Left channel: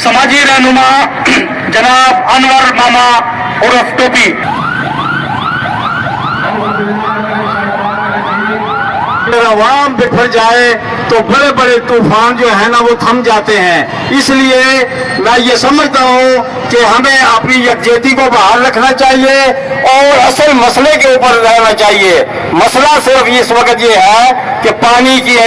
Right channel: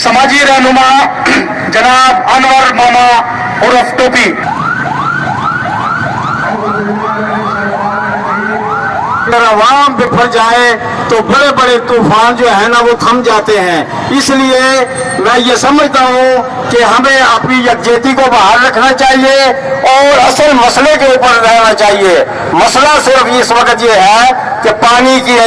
समाजी रहनुमा जनाब अनवर मामा उर्फ टोपी। अगर आवाम बिखर जाए तो बड़े बड़े तूफान जो है ना वो थम जाते हैं। इसलिए मैं ये समझता हूँ कि हमें अपनी यकजहती को बहाल रखना चाहिए और असल मसले के ऊपर रहना चाहिए। मसला सिर्फ इस वक्त ये है कि पानी की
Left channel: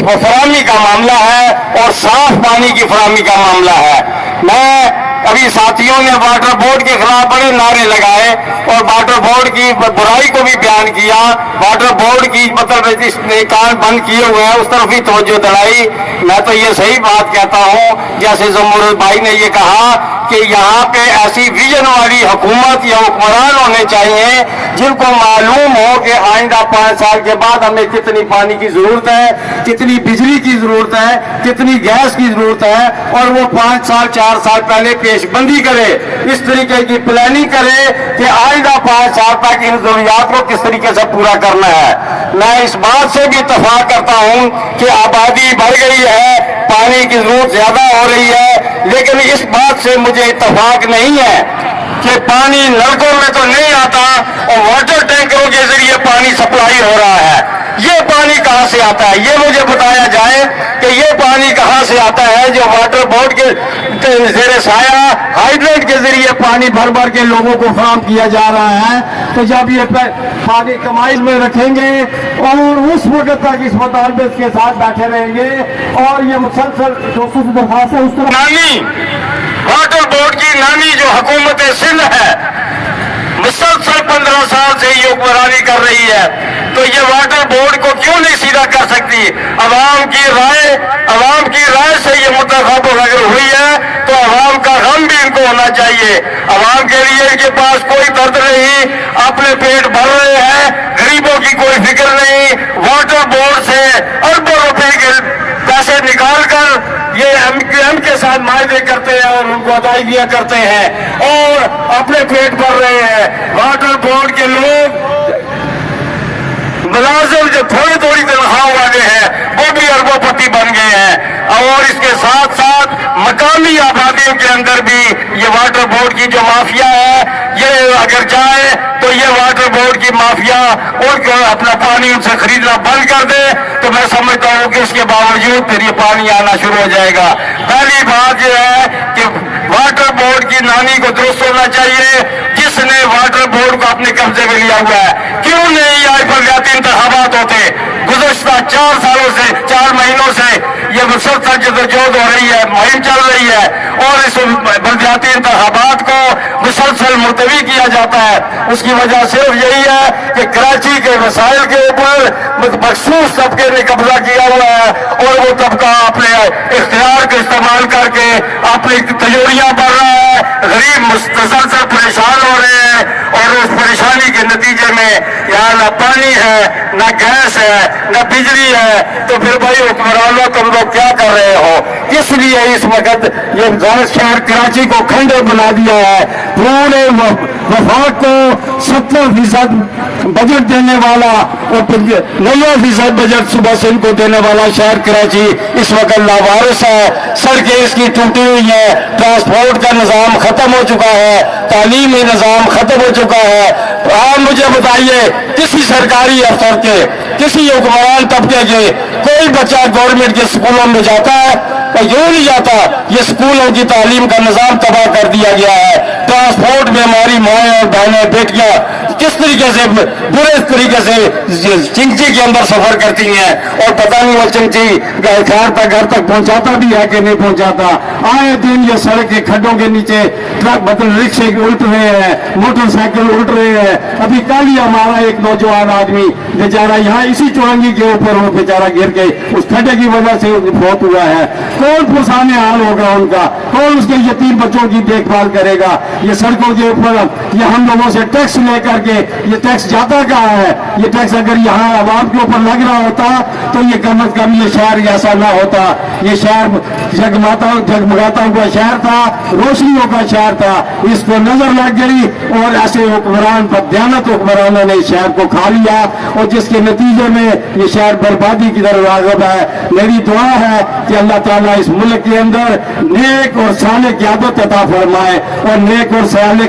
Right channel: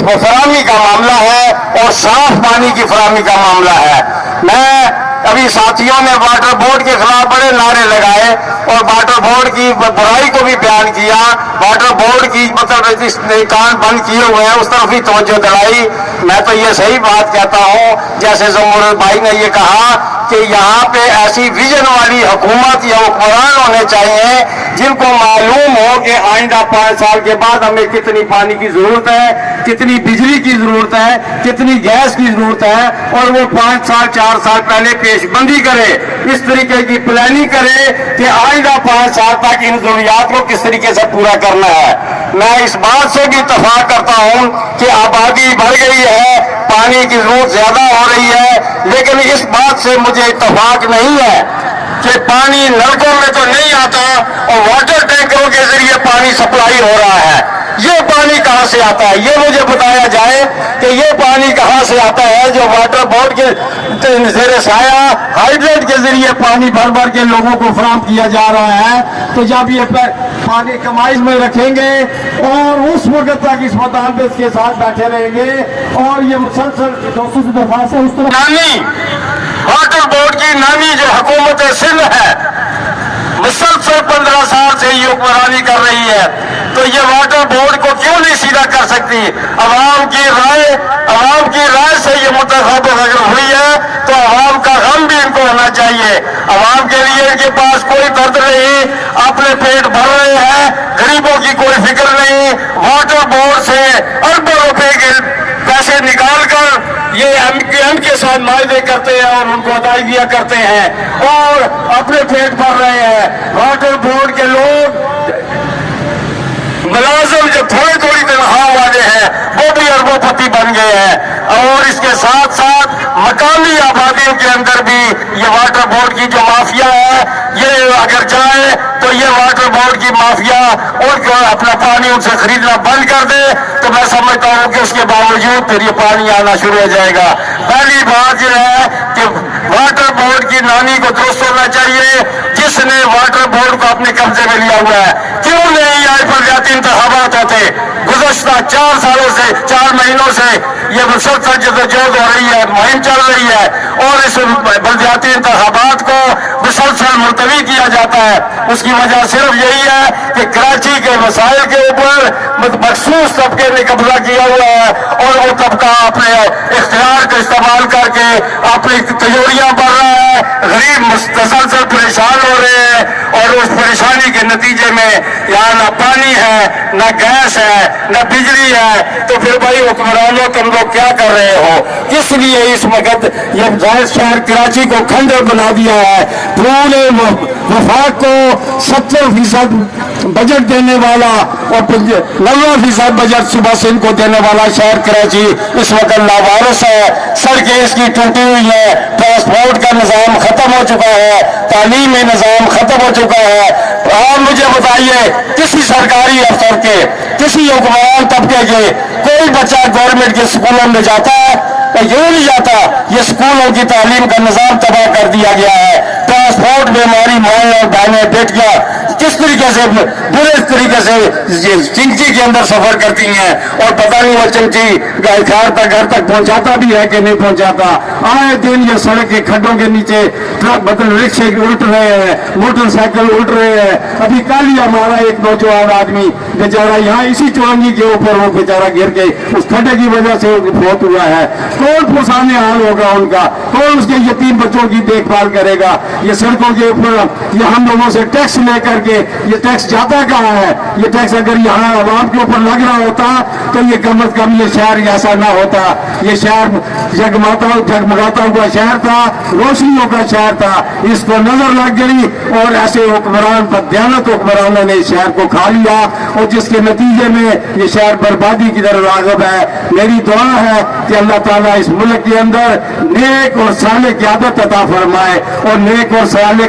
फराहमी का मामला है और साफ पानी की फराहमी का मामला है। मैं अभी साथियों ने वाटर बोर्ड के खिलाफ बड़े नारे लगाए और वाटर बोर्ड की बुराई को भी बयान किया। वाटर बोर्ड की मतलब इसने कान बंद किए हुए हैं उस तरफ भी तवज्जो दिलाई। मैं तो ये सही बात कहता हूँ, जैसे जमूर भाई ने ये कहा कि यहाँ पे ऐसी विजन वाली हुकूमत या हुक्मरान होने चाहिए जिनको मालूम हो कि आइंदा 5 साल के बाद हमें कितनी पानी की जरूरत है, कितनी बिजली की जरूरत है, कितनी गैस की जरूरत है, और वो 5 साल 4 साल पहले पेशबंदी करे, इस तरीके की प्लानिंग करे कि आइंदा 5 साल तक इन जरूरियात को किस तरीके से पूरा करना है। मैं इस बात से भी इत्तफाक करता हूँ कि आबादी बढ़ गई है, पानी की जरूरत ज्यादा हो रही है, लेकिन इस बात से मुझे इत्तफाक नहीं है कि पानी नलकों में तो नहीं आता और वाटर टैंकरों के जरिए पानी सप्लाई हो रहा है। ये पानी कहाँ से आता है, ये मुझे बताया जाए कि ये पानी कहाँ से आता है जो वाटर बोर्ड के ज़ेरे साया हाइड्रेट के जरिए पानी भर भर के लोगों को फराहम किया जा रहा है। तो जब ये पानी कमाई में रखेंगे और उस वक्त तक इस मुतालबे के साथ बैठे रहेंगे और ये मुसलसल दोस्तों से दरखास्त है उस तरह नानी वाटर बोर्ड की नानी जो हुकूमत सिंध है मुसलसल 15 साल से ये हुक्मरानी कर रही है, तो ये वाटर बोर्ड को क्यों नहीं सीधा कर सकती? अवाम की राय से ये मुंतखब अगर हुई है तो अवाम का गम भी इनको होना चाहिए। अवाम के लिए इनके पास कोई दर्द नहीं, अपने पेट भर रहे हैं, गरीबों की कोई फिक्र नहीं। वाटर बोर्ड से अरबों रुपए के पैसे निकाल कर ये एम के साथ मायदे करते हैं और उनको अदाई दिया करते हैं और अपने पेट भर रहे हैं। वाटर बोर्ड के लोग मुलाजिम जो थोड़ी थोड़ी तनख्वाह वाले हैं वो भी अरबोपति बन गए हैं और इसके साथ साथ मकामी आबादियों के अंदर भी ये वाटर बोर्ड की जो माफिया है ये अगर जाए तो ये वाटर बोर्ड की माफिया और अपना पानी उनसे खरीदना बंद कर दे तो मैं समझता हूँ कि उसके बावजूद फिर ये पानी आना शुरू हो जाएगा। पहली बात यह है कि वाटर बोर्ड की नानी को दुरुस्त होना चाहिए जिसने वाटर बोर्ड को अपने कब्जे में लिया हुआ है। क्यों नहीं आई बलदियाती इंतखाबात होते? गुज़श्ता 4 सालों से 4 महीनों से ये मुसलसल जदोजहद हो रही है, मुहिम चल रही है और इस बलदियाती इंतखाबात को मुसलसल मुलतवी किया जाता है। उसकी वजह सिर्फ यही है कि कराची के वसाइल के ऊपर मखसूस तबके ने कब्जा किया हुआ है और वो तबका अपने इख्तियार का इस्तेमाल करके अपनी तजोरियां बढ़ रहा है। गरीब मुसलसल परेशान हो रहे हैं और उस परेशानी के नतीजे में यहाँ ना पानी है, ना गैस है, ना बिजली है। तो फिर भाई हुक्मरानों तुम लोग क्या कर रहे हो? किस लिए इस वक्त ये शहर कराची को खंडर बना दिया है? पूरे वफाक को 70% बजट देने वाला और 90% बजट सुबह से इनको देने वाला शहर कराची इस वक्त लावारिस है। सड़कें इसकी टूटी हुई है, ट्रांसपोर्ट का निज़ाम खत्म हो चुका है, तालीमी निज़ाम खत्म हो चुका है। आप मुझे बताइए किसी सरकारी अफसर के, किसी हुक्मरान तबके के कोई बच्चा गवर्नमेंट के स्कूलों में जाता है? यूं नहीं जाता। ये स्कूलों की तालीम का निज़ाम तबाह कर दिया गया है। ट्रांसपोर्ट में हमारी माएँ और बहनें बेटियां किस तरीके से बुरे तरीके से चिंची के अंदर सफर करती हैं और पता नहीं वो चिंची घर तक पहुंचाता भी है कि नहीं पहुंचाता। आए दिन ये सड़क के खड्डों के नीचे ट्रक मतलब रिक्शे उल्ट रहे हैं, मोटरसाइकिल उल्ट रहे हैं। अभी कल ही हमारा एक नौजवान आदमी बेचारा यहाँ इसी चौरंगी के ऊपर वो बेचारा गिर के उस खड्डे की वजह से फौत हुआ है। कौन पुरसाने हाल होगा उनका? कौन उसके यतीम बच्चों की देखभाल करेगा? ये सड़कों के ऊपर ये हम लोगों से टैक्स लेकर के कि ये टैक्स जाता कहाँ है, ये टैक्स अगर यहाँ आवाम के ऊपर लग रहा होता तो ये कम अज कम ये शहर ऐसा ना होता। ये शहर जगमगाता हुआ शहर था, रोशनियों का शहर था, इसको नजर लग गई और ऐसे हुक्मरान बददियानत हुक्मरानों ने इस शहर को खा लिया और जिसके नतीजे में ये शहर बर्बादी की तरफ राग़िब है। मेरी दुआ है कि अल्लाह ताला इस मुल्क के अंदर नेक और साले क़यादत अता फरमाए और नेक और साले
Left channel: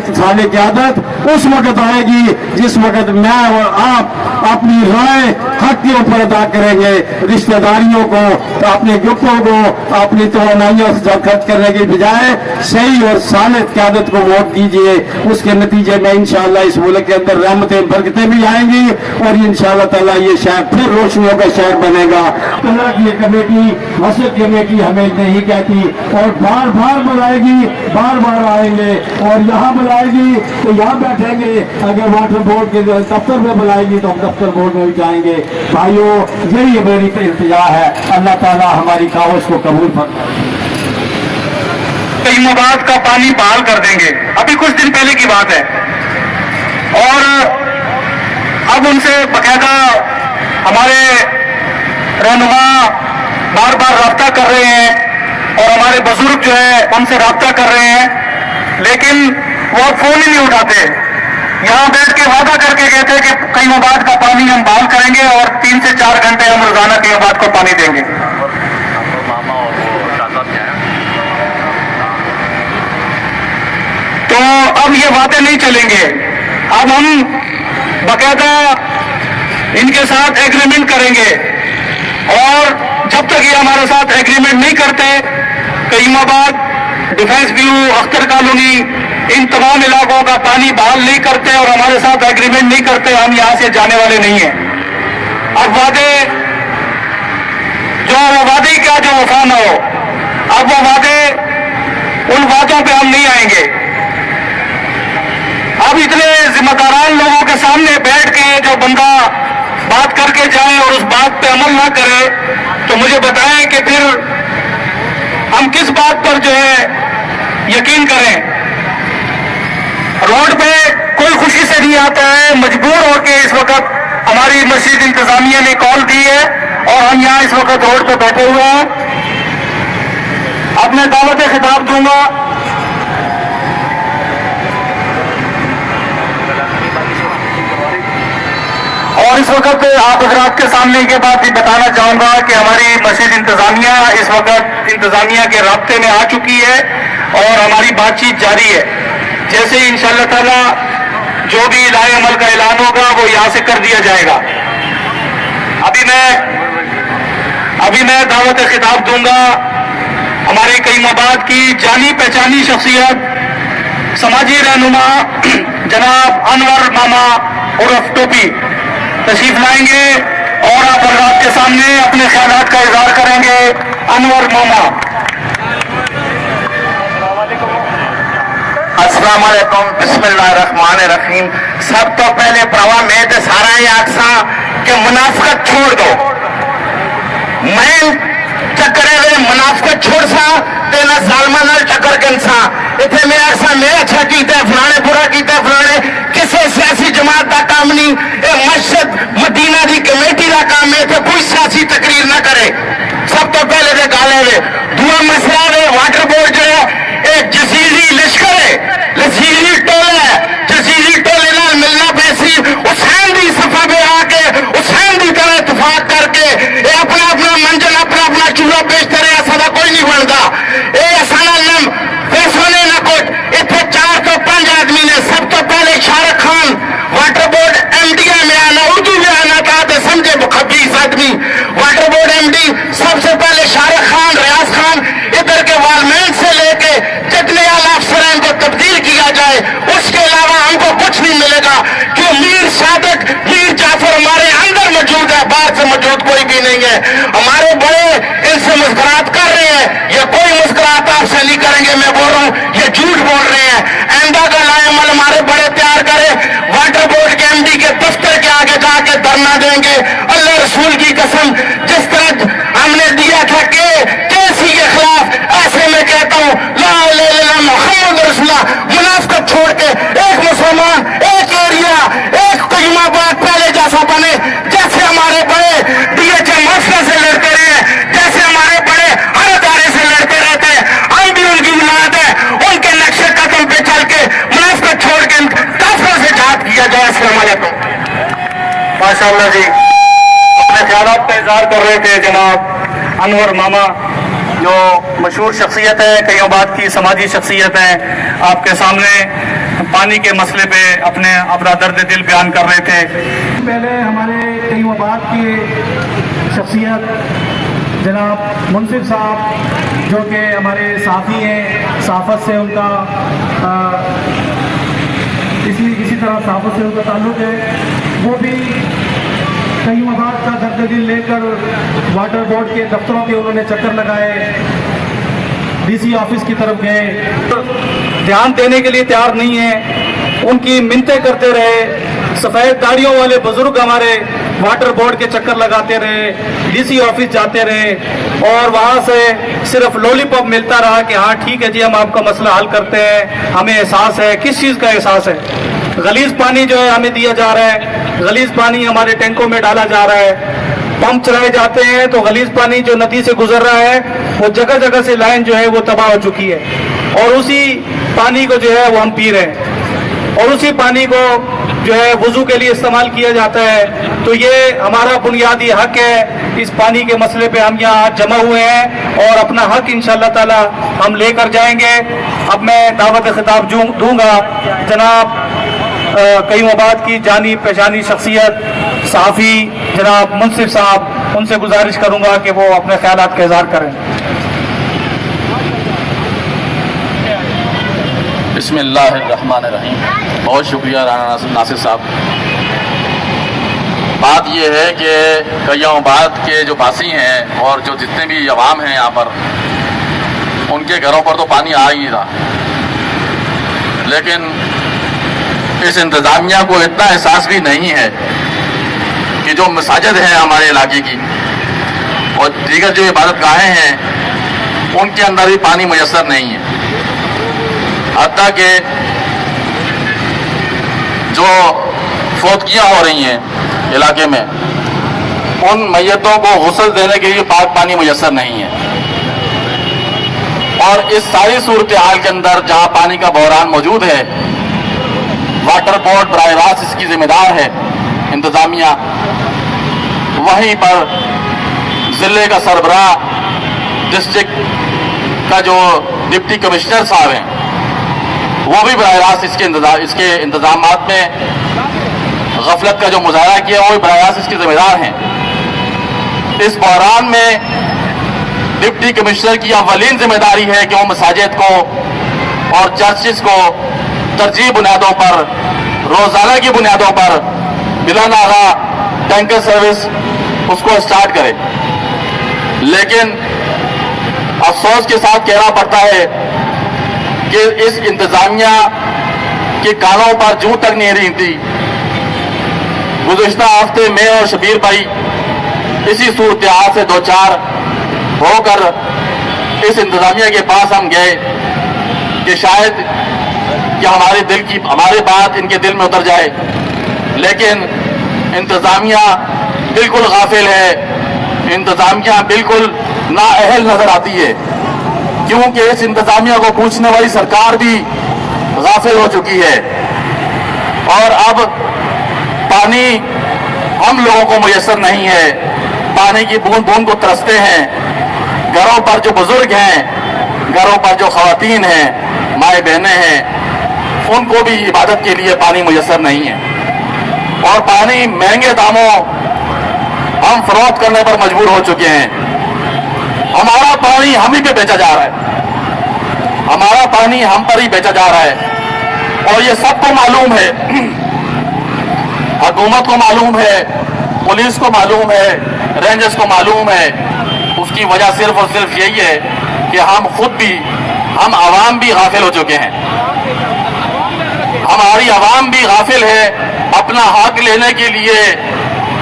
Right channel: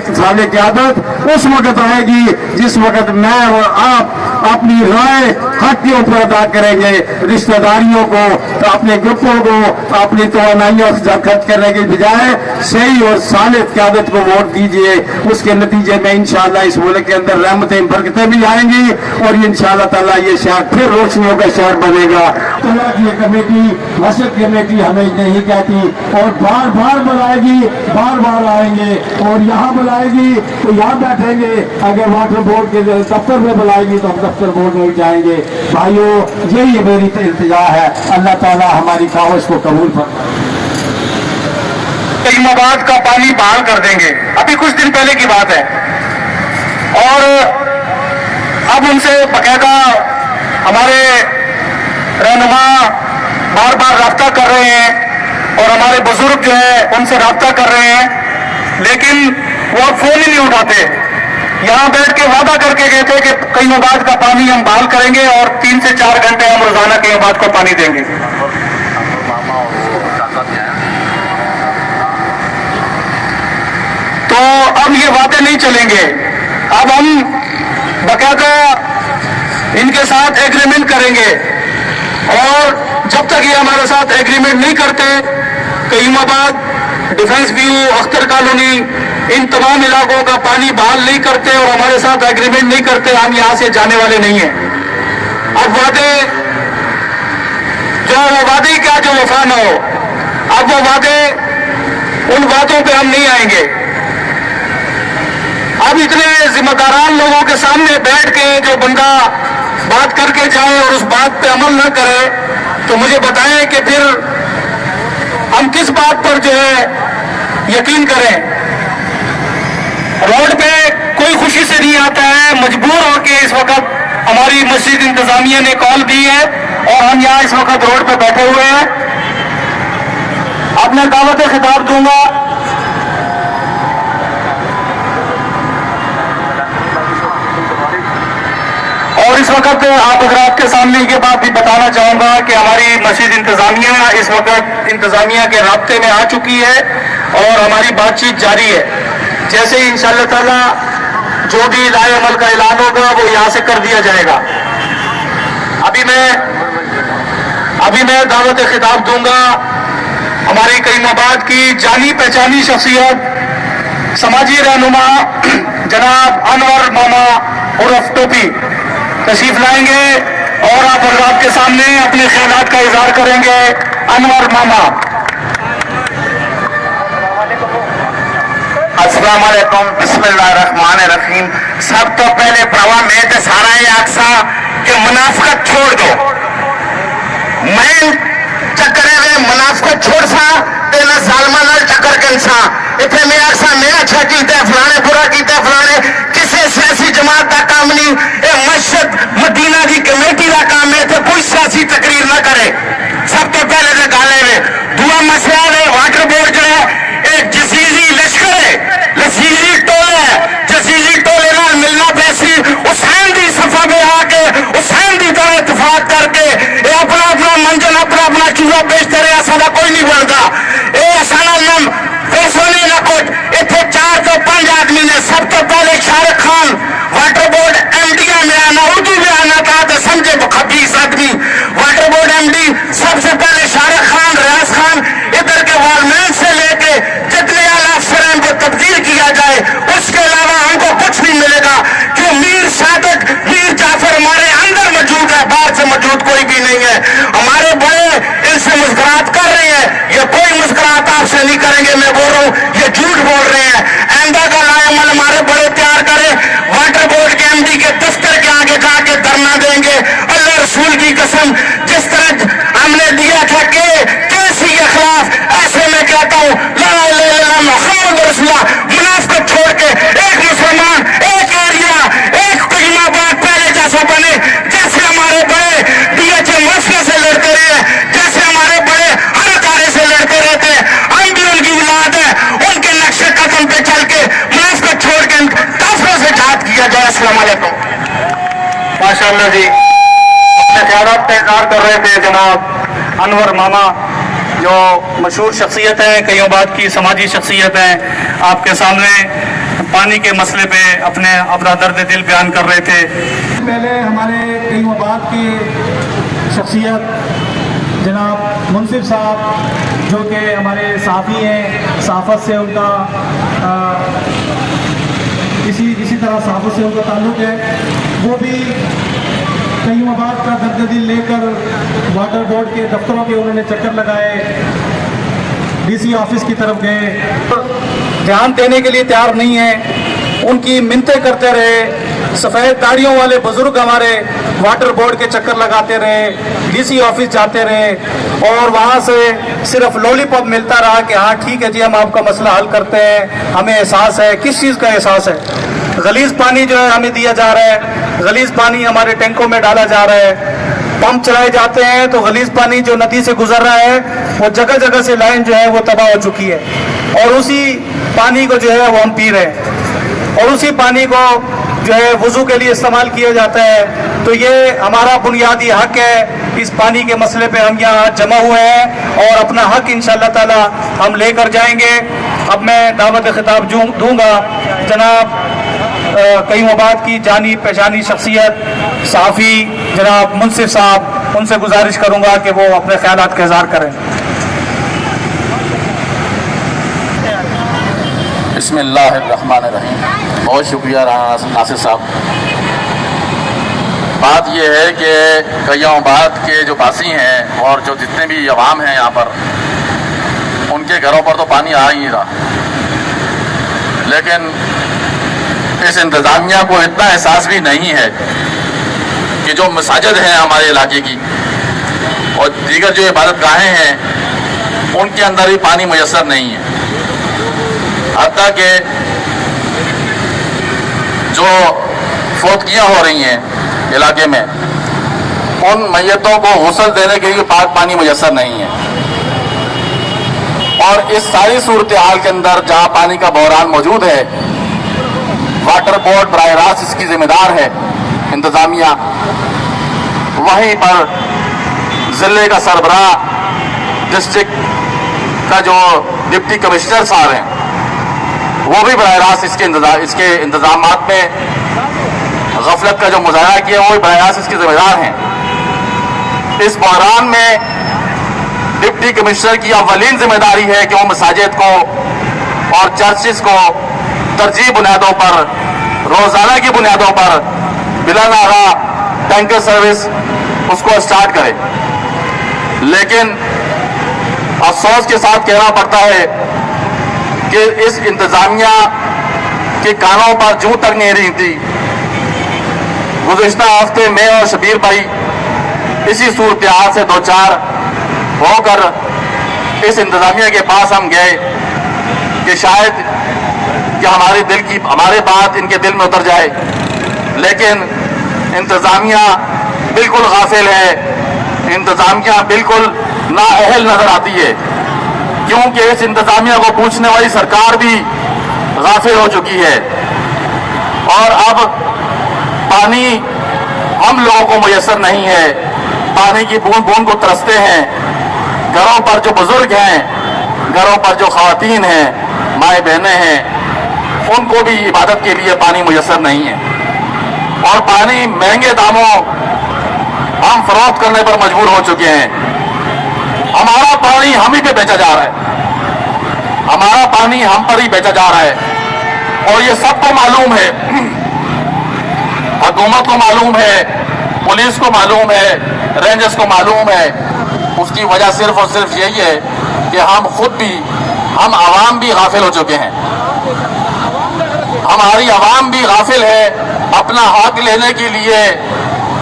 क़यादत उस वक्त आएगी जिस वक्त मैं और आप अपनी राय हक के ऊपर अदा करेंगे। रिश्तेदारियों को, अपने ग्रुपों को, अपनी तवानाइयों खर्च करने के बजाय सही और साले क़यादत को वोट दीजिए। उसके नतीजे में इंशाअल्लाह इस मुल्क के अंदर रहमतें बरकतें भी आएंगी और इंशाअल्लाह ताला ये शहर फिर रोशनियों का शहर बनेगा। तो ये कमेटी, मस्जिद कमेटी हमें नहीं कहती और बार बार बुलाएगी, बार बार आएंगे और यहाँ बुलाएगी तो यहाँ बैठेंगे, अगर वाटर बोर्ड के दफ्तर में बुलाएगी तो हम दफ्तर बोर्ड में जाएंगे। भाइयों, यही मेरी इल्तिजा है, अल्लाह ताला हमारी कावश को कबूल फरमाए। कईमाबाद का पानी बहाल कर देंगे, अभी कुछ दिन पहले की बात है, और अब उनसे बकायदा हमारे रहनुमा बार बार राब्ता कर रहे हैं और हमारे बुजुर्ग जो है उनसे राब्ता कर रहे हैं, लेकिन वो अब फोन ही नहीं उठाते। यहाँ बैठ के वादा करके गए थे कि कईमाबाद का पानी हम बहाल करेंगे और 3 से 4 घंटे हम रोजाना कईमाबाद को पानी देंगे। तो अब ये वादा नहीं चलेंगे, अब हम बकायदा इनके साथ एग्रीमेंट करेंगे और जब तक ये हमारे साथ एग्रीमेंट नहीं करते, कईमाबाद, डिफेंस व्यू, अख्तर कॉलोनी, इन तमाम इलाकों का पानी बहाल नहीं करते और हमारे साथ एग्रीमेंट नहीं करते, हम यहां से जाने वाले नहीं हैं। अब वादे, जो वो वादे क्या जो वफा न हो, अब वो वादे, उन वादों पे हम नहीं आएंगे। अब इतने जिम्मेदारान लोगों के सामने बैठ के जो बंदा बात करके जाए और उस बात पे अमल ना करे, तो मुझे बताएं कि फिर हम किस बात पर जो है यकीन करें। रोड पे कोई खुशी से नहीं आता है, मजबूर होकर इस वक्त हमारी मस्जिद इंतजामिया ने कॉल दी है और हम यहाँ इस वक्त रोड पे बैठे हुए हैं। अब मैं दावत खिताब दूंगा और इस वक्त आप हजरात के सामने ये बात भी बताना चाहूंगा कि हमारी मस्जिद इंतजामिया इस वक्त इंतजामिया के राब्ते में आ चुकी है और हमारी बातचीत जारी है। जैसे ही इंशाअल्लाह ताला जो भी राय अमल का ऐलान होगा वो यहाँ से कर दिया जाएगा। अभी मैं दावत खिताब दूंगा हमारे कईमाबाद की जानी पहचानी शख्सियत, समाजी रहनुमा जनाब अनवर मामा उर्फ टोपी तशरीफ लाएंगे और आप हजरात के सामने अपने ख्यालात का इजहार करेंगे। अनवर मामा। अस्सलाम वालेकुम, बिस्मिल्लाहिर्रहमानिर्रहीम। सब तो पहले प्रवा में तो सारा ये आखसा कि मुनाफिकत छोड़ दो। मैं चक्करे में मुनाफिकत छोड़ सा तो ना सालमा नाल टक्कर के इंसान इतने में आखसा मैं अच्छा कीता फलाने बुरा कीता फलाने किसी सियासी जमात का काम नहीं, ये मस्जिद मदीना की कमेटी का काम है, तो कोई सियासी तकरीर न करे। सब तो पहले तो गाले में दूसरा मसला है वाटर बोर्ड जो है एक जसीजी लश्कर है, लसीजी टोला है, जसीजी टोले ना मिलना पैसी हुसैन की सफा में आके हुसैन की तरह इतफाक करके ये अपना अपना मंजन अपना अपना चूल्हा बेचते रहे, ऐसा कोई नहीं बनता। ये असाना नम पैसों ने न कुछ इतने 4 तो 5 आदमी ने सब तो पहले Shahrukh Khan water board MD में आना, उर्दू में आना था तो समझे खबीस आदमी। वाटर बोर्ड एमडी सबसे पहले शाहरुख खान, रियाज खान, इधर के वालमैन से लेके जितने आला अफसरान को तब्दील किया जाए, उसके अलावा हमको कुछ नहीं मिलेगा। क्यों मीर सादक, मीर जाफर हमारे अंदर मौजूद है, बाहर से मौजूद कोई भी नहीं है। हमारे बड़े इनसे मुस्कुरात कर रहे हैं, ये कोई मुस्कुरात आपसे नहीं करेंगे, मैं बोल रहा हूँ ये झूठ बोल रहे हैं। आइंदा का लामल हमारे बड़े तैयार करें, वाटर बोर्ड के एमडी के दफ्तर के आगे जाके धरना देंगे। अल्लाह रसूल की कसम, जिस तरह हमने दिया था कि कैसी के खिलाफ, ऐसे में कहता हूँ मुनाफिकत छोड़ के एक मुसलमान, एक एरिया, माशाअल्लाह जी अपने ख्यालात का इजहार कर रहे थे जनाब अनवर मामा, जो मशहूर शख्सियत है, कईयों बात की समाजी शख्सियत है, आपके सामने पानी के मसले पे अपना दर्द दिल बयान कर रहे थे। पहले हमारे कईयों बात की शख्सियत जनाब मुंसिफ साहब, जो कि हमारे साथी हैं, सहाफ़त से उनका इसी तरह सहाफ़त से उनका ताल्लुक़ है, वो भी कई मबाद का दर्द दिल लेकर वाटर बोर्ड के दफ्तरों के उन्होंने चक्कर लगाए, डीसी ऑफिस की तरफ गए, ध्यान देने के लिए तैयार नहीं है, उनकी मिन्नतें करते रहे। सफ़ेद दाढ़ियों वाले बुजुर्ग हमारे वाटर बोर्ड के चक्कर लगाते रहे, डीसी ऑफिस जाते रहे और वहाँ से सिर्फ लॉलीपॉप मिलता रहा कि हाँ ठीक है जी, हम आपका मसला हल करते हैं, हमें एहसास है। किस चीज़ का एहसास है? गलीज पानी जो है हमें दिया जा रहा है, गलीज पानी हमारे टैंकों में डाला जा रहा है, पंप चलाए जाते हैं तो गलीज पानी जो नदी से गुजर रहा है वो जगह जगह से लाइन जो है वो तबाह हो चुकी है और उसी पानी को जो है वो हम पी रहे हैं और उसी पानी को जो है वुजू के लिए इस्तेमाल किया जाता है। तो ये हमारा बुनियादी हक है, इस पानी के मसले पे हम यहाँ जमा हुए हैं और अपना हक इंशाअल्लाह ताला हम लेकर जाएंगे। अब मैं दावत खिताब दूंगा जनाब कई मबाद की जानी पहचानी शख्सियत साफ़ी जनाब मुंसिफ साहब, उनसे गुजारिश करूंगा कि वो अपने ख्यालात का इज़हार करें। बिस्मिल्लाहिर्रहमानिर्रहीम। बहुत शुक्रिया नासिर साहब। बात यह है कि कय्यामाबाद के जो बासी हैं और जो जितने भी अवाम हैं यहाँ पर, उनके घरों पर तो पानी आ ही नहीं रहा, लेकिन इस इंतज़ामिया को इतना एहसास भी नहीं है कि जो मसाजिद हैं हमारे इलाके की और दीगर जो इबादत गाहें हैं उनके अंदर भी पानी मुयस्सर नहीं है। हत्ता कि जो फौतगियाँ हो रही हैं इलाके में, उन मैयतों को गुस्ल देने के लिए पाक पानी मुयस्सर नहीं है। और इस सारी सूरत हाल के अंदर जहाँ पानी का बहरान मौजूद है, वाटर बोर्ड बराह रास्त इसकी जिम्मेदार है इंतजामिया, वहीं पर जिले का सरबराह डिस्ट्रिक्ट का जो डिप्टी कमिश्नर साहब हैं वो भी बराह रास्त इसके इंतजामात में गफलत का जो मुजाहरा किया वो भी बराह रास्त इसके जिम्मेदार हैं। इस बहरान में डिप्टी कमिश्नर की अवलीन जिम्मेदारी है कि वो मसाजिद को और चर्चिस को तरजीह बुनियादों पर, रोजाना की बुनियादों पर बिला नागा टैंकर सर्विस उसको स्टार्ट करे। लेकिन अफसोस के साथ कहना पड़ता है कि इस इंतजामिया के कानों पर जूं तक नहीं रही थी। गुज़िश्ता हफ्ते में और शबीर भाई इसी सूरत हाल से दो चार होकर इस इंतजामिया के पास हम गए कि शायद कि हमारी बात इनके दिल में उतर जाए, लेकिन इंतजामिया बिल्कुल गाफिल है, इंतजामिया बिल्कुल नाअहल नजर आती है, क्योंकि इस इंतजामिया को पूछने वाली सरकार भी गाफिल हो चुकी है। और अब पानी हम लोगों को मुयस्सर नहीं है, पानी की बूंद बूंद को तरसते हैं। घरों पर जो बुजुर्ग हैं, घरों पर जो खवातीन हैं, माए बहनें हैं, उनको भी इबादत के लिए पानी मुयस्सर नहीं है। और पानी महंगे दामों हम फरोख्त करने पर मजबूर हो चुके हैं। हमारा पानी हम ही पे बेचा जा रहा है, हमारा पानी हम पर ही बेचा जा रहा है और ये सबको मालूम है, हुकूमत को मालूम है, पुलिस को मालूम है, रेंजर्स को मालूम है। उसकी वजह सिर्फ और सिर्फ यही है कि हम आवाम भी गाफिल हो चुके हैं। हमारी आवाम भी गाफिल है, अपना हक लेने के लिए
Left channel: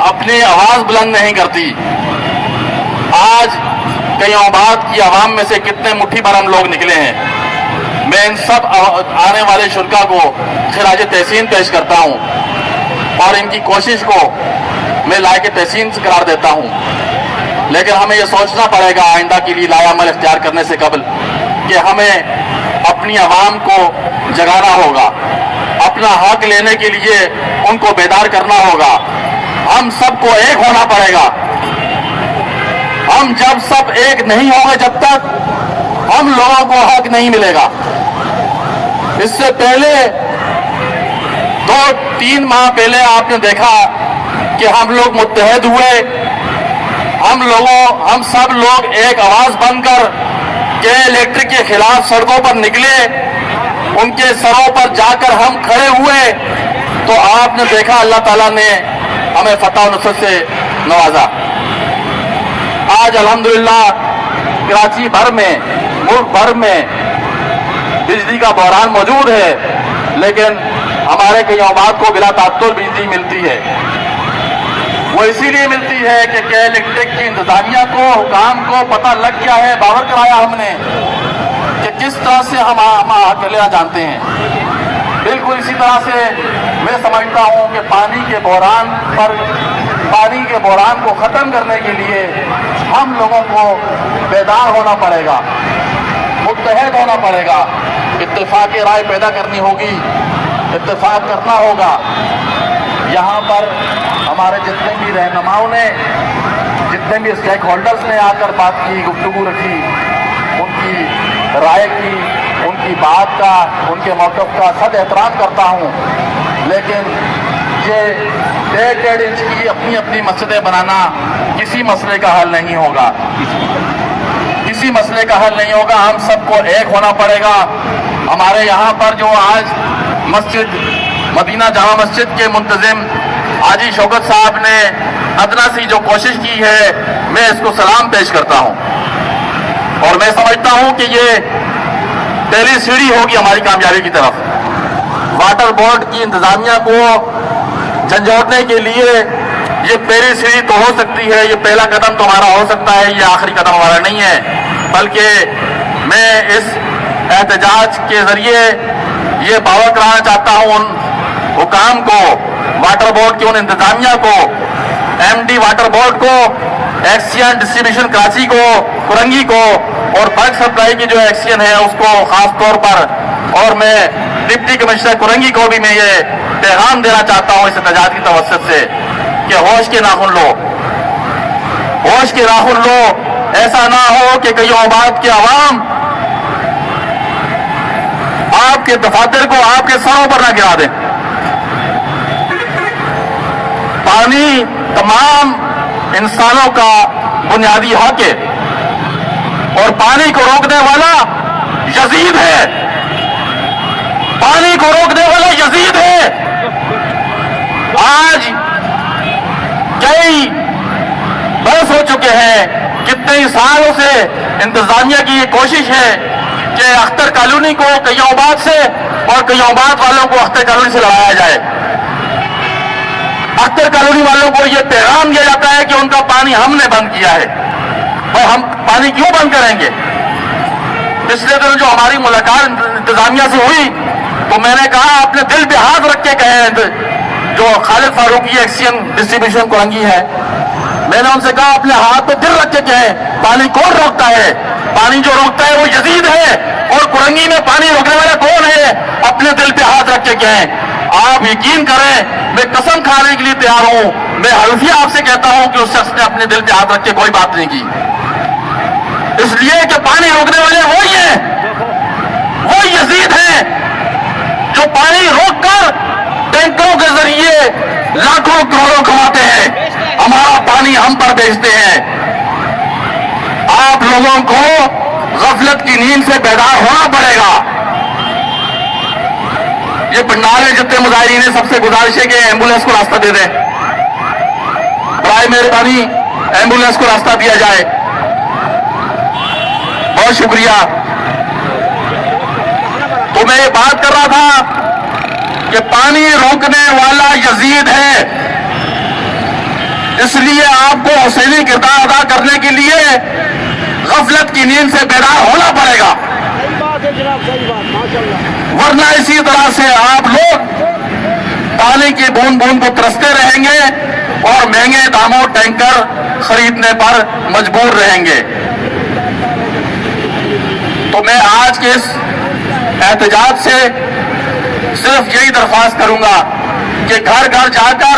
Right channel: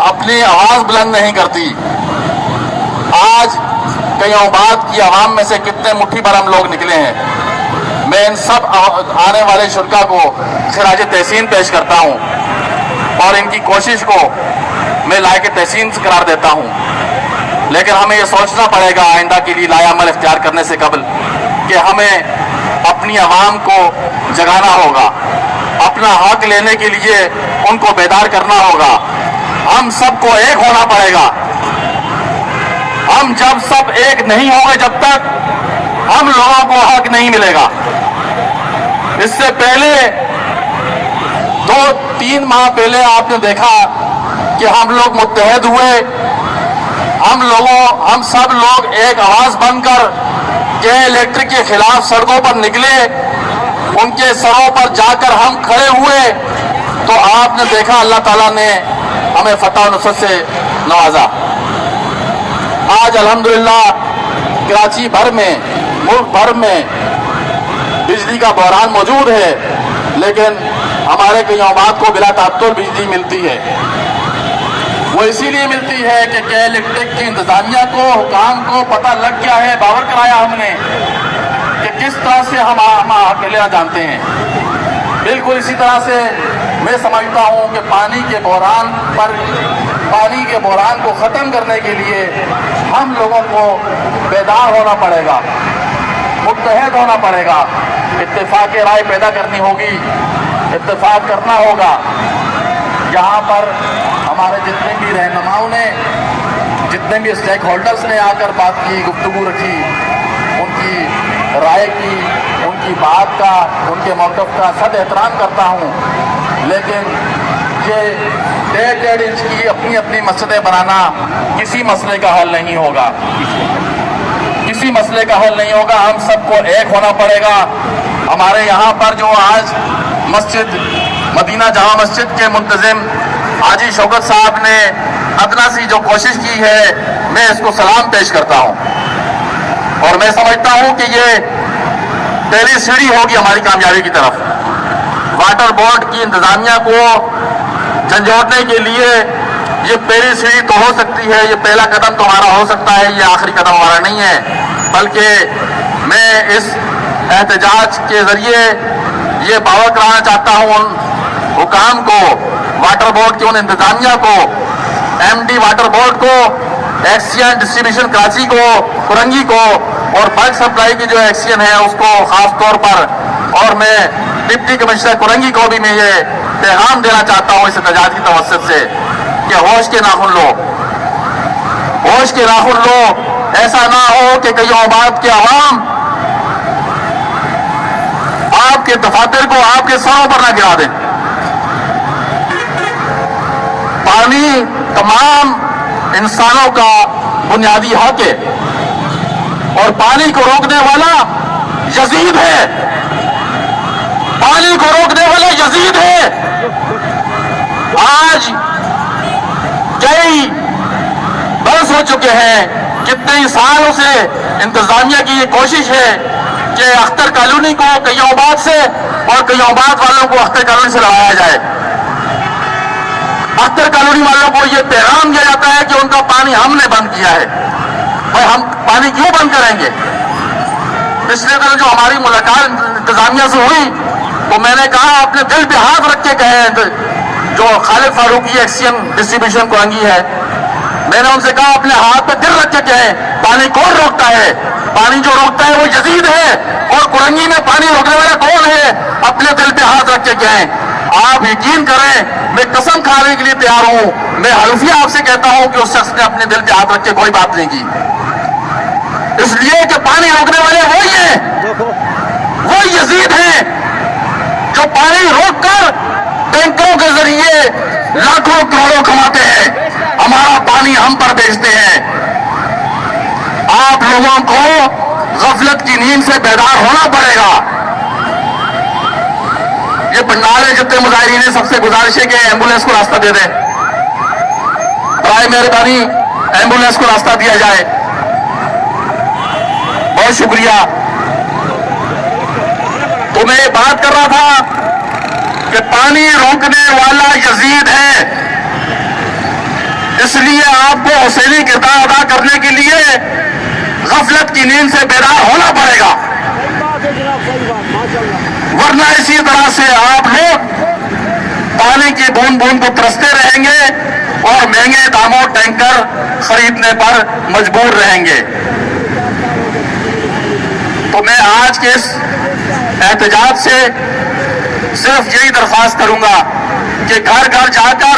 अपनी आवाज बुलंद नहीं करती। आज कय्यामाबाद की आवाम में से कितने मुट्ठी भर हम लोग निकले हैं। मैं इन सब आने वाले शुल्का को खिराज तहसीन पेश करता हूं और इनकी कोशिश को मैं लायक तहसीन से करार देता हूं। लेकिन हमें यह सोचना पड़ेगा आइंदा के लिए लायामल इख्तियार करने से कबल कि हमें अपनी आवाम को जगाना होगा, अपना हक लेने के लिए उनको बेदार करना होगा, हम सबको एक होना पड़ेगा। हम जब सब एक नहीं होंगे, जब तक हम लोगों को हक नहीं मिलेगा। इससे पहले 2-3 माह पहले आपने देखा कि हम लोग मुत्तहद हुए, हम सब लोग एक आवाज बनकर के इलेक्ट्रिक के खिलाफ सड़कों पर निकले, उनके सरों पर जाकर हम खड़े हुए, तो आपने देखा अल्लाह ताला ने हमें फतह और नुसरत से नवाजा। आज अल्हम्दुलिल्लाह कराची भर में, मुल्क भर में बिजली का बहरान मौजूद है, लेकिन हमारे कई औबाद को बिला तात्तुर बिजली मिलती है। वो इसीलिए मिलती है कि के इलेक्ट्रिक की इंतजामिया को, हुकाम को पता लग गया है, बावर कराया हमने कि किस तरह से हम अकेला जानते हैं। बिल्कुल इसी तरह से मैं समझता हूं कि पानी के बहरान को खत्म करने के लिए हम लोगों को बेदार होना पड़ेगा, मुत्तहद होना पड़ेगा, इत्तेफाक राय पैदा करनी होगी, इत्तेफाक करना होगा। यहाँ पर हमारे जितने भी रहनुमाओं ने, जितने भी स्टेक होल्डर्स ने आकर बात की, गुफ्तगू रखी, उनकी राय की, उनकी बात का, उनके मौक़िफ़ का सद एहतराम करता हूँ। लेकिन ये 1.5 इंच की अपनी अपनी मस्जिदें बनाना किसी मसले का हल नहीं होगा, किसी मसले का हल नहीं होगा। हम सबको एक होना पड़ेगा। हमारे यहाँ पर जो आज मस्जिद मदीना जामा मस्जिद के मुंतजिम हाजी शौकत साहब ने अदना सी जो कोशिश की है, मैं इसको सलाम पेश करता हूँ और मैं समझता हूँ कि ये पहली सीढ़ी होगी हमारी कामयाबी की तरफ। वाटर बोर्ड की इंतजामिया को झंझोड़ने के लिए ये पहली सीढ़ी तो हो सकती है, ये पहला कदम तो हमारा हो सकता है, ये आखिरी कदम हमारा नहीं है। बल्कि मैं इस एहतजाज के जरिए ये बावर कराना चाहता हूँ उन हुकाम को, वाटर बोर्ड की उन इंतजामिया को, एमडी वाटर बोर्ड को, एक्सियन डिस्ट्रीब्यूशन कराची को, कुरंगी को और बल्क सप्लाई की जो एक्सियन है उसको खास तौर पर, और मैं डिप्टी कमिश्नर कुरंगी को भी मैं ये पैगाम देना चाहता हूँ इस एहतजाज की तवज्जुह से कि होश के नाखून लो, होश के नाखून लो। ऐसा ना हो कि कई औबाद के अवाम आपके दफातर को आपके सरों पर ना गिरा दें। पानी तमाम इंसानों का बुनियादी हक है और पानी को रोकने वाला यजीद है, पानी को रोकने वाला यजीद है। आज कई बरस हो चुके हैं, कितने सालों से इंतजामिया की ये कोशिश है कि अख्तर कॉलोनी को कई औबाद से और कई औबाद वालों को अख्तर कॉलोनी से लड़ाया जाए। अख्तर कॉलोनी वालों को ये पैगाम दिया जाता है कि उनका पानी हमने बंद किया है, और हम पानी क्यों बंद करेंगे। पिछले दिन जो हमारी मुलाकात इंतजामिया से हुई तो मैंने कहा अपने दिल पे हाथ रख के कहे, जो खालिद फारूकी एक्सियन डिस्ट्रीब्यूशन कुरंगी है, मैंने उनसे कहा अपने हाथ पे दिल रख के कहे पानी कौन रोकता है। पानी जो रोकता है वो यजीद है, और कुरंगी में पानी रोकने वाला कौन है, अपने दिल पे हाथ रख के कहें। आप यकीन करें, मैं कसम खाने के लिए तैयार हूं, मैं हल्फिया आपसे कहता हूं कि उस शख्स ने अपने दिल पे हाथ रख के कोई बात नहीं की, इसलिए कि पानी रोकने वाले वही हैं, वही यजीद हैं जो पानी रोककर टैंकरों के जरिए लाखों करोड़ों कमाते हैं, हमारा पानी हम पर बेचते हैं। आप लोगों को गफलत की नींद से बेदार होना पड़ेगा। ये पंडाल के जितने मुजाहिरीन हैं, सबसे गुजारिश है कि एम्बुलेंस को रास्ता दे दें, बराए मेहरबानी एम्बुलेंस को रास्ता दिया जाए। बहुत शुक्रिया। तो मैं ये बात कर रहा था कि पानी रोकने वाला यजीद है, इसलिए आपको हुसैनी किरदार अदा करने के लिए गफलत की नींद से बेदार होना पड़ेगा, वरना इसी तरह से आप लोग पानी की बूंद बूंद को तरसते रहेंगे और महंगे दामों टैंकर खरीदने पर मजबूर रहेंगे। तो मैं आज के इस एहतजाज से सिर्फ यही दरख्वास्त करूंगा कि घर घर जाकर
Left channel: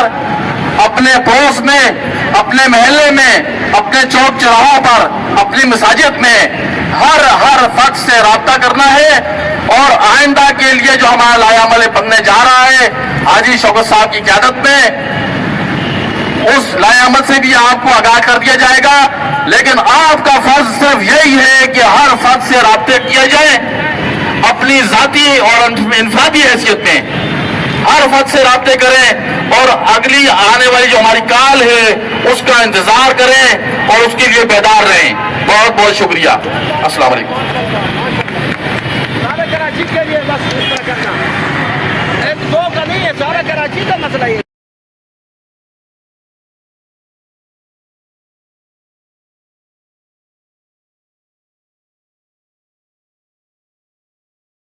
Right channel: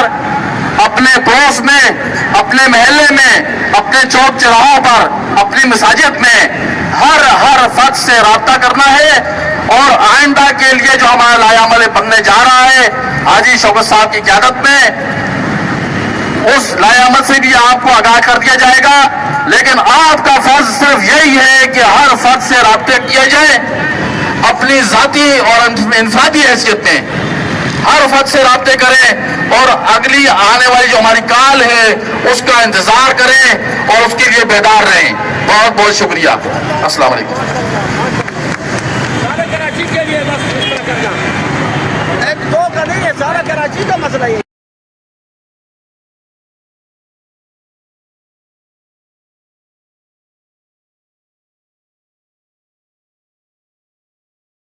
اپنے پڑوس میں، اپنے محلے میں، اپنے چوک چوراہوں پر، اپنی مساجد میں ہر فرد سے رابطہ کرنا ہے، اور آئندہ کے لیے جو ہمارا لائحہ عمل بننے جا رہا ہے حاجی شوکت صاحب کی قیادت میں، اس لائحہ عمل سے بھی آپ کو آگاہ کر دیا جائے گا، لیکن آپ کا فرض صرف یہی ہے کہ ہر فرد سے رابطے کیے جائیں، اپنی ذاتی اور انفرادی حیثیت میں ہر فرد سے رابطے کریں، اور اگلی آنے والی جو ہماری کال ہے اس کا انتظار کریں اور اس کے لیے بیدار رہیں۔ بہت بہت شکریہ، السلام علیکم۔ سارا کراچی کے لیے بس ایک دو کا نہیں ہے، سارا کراچی کا مسئلہ یہ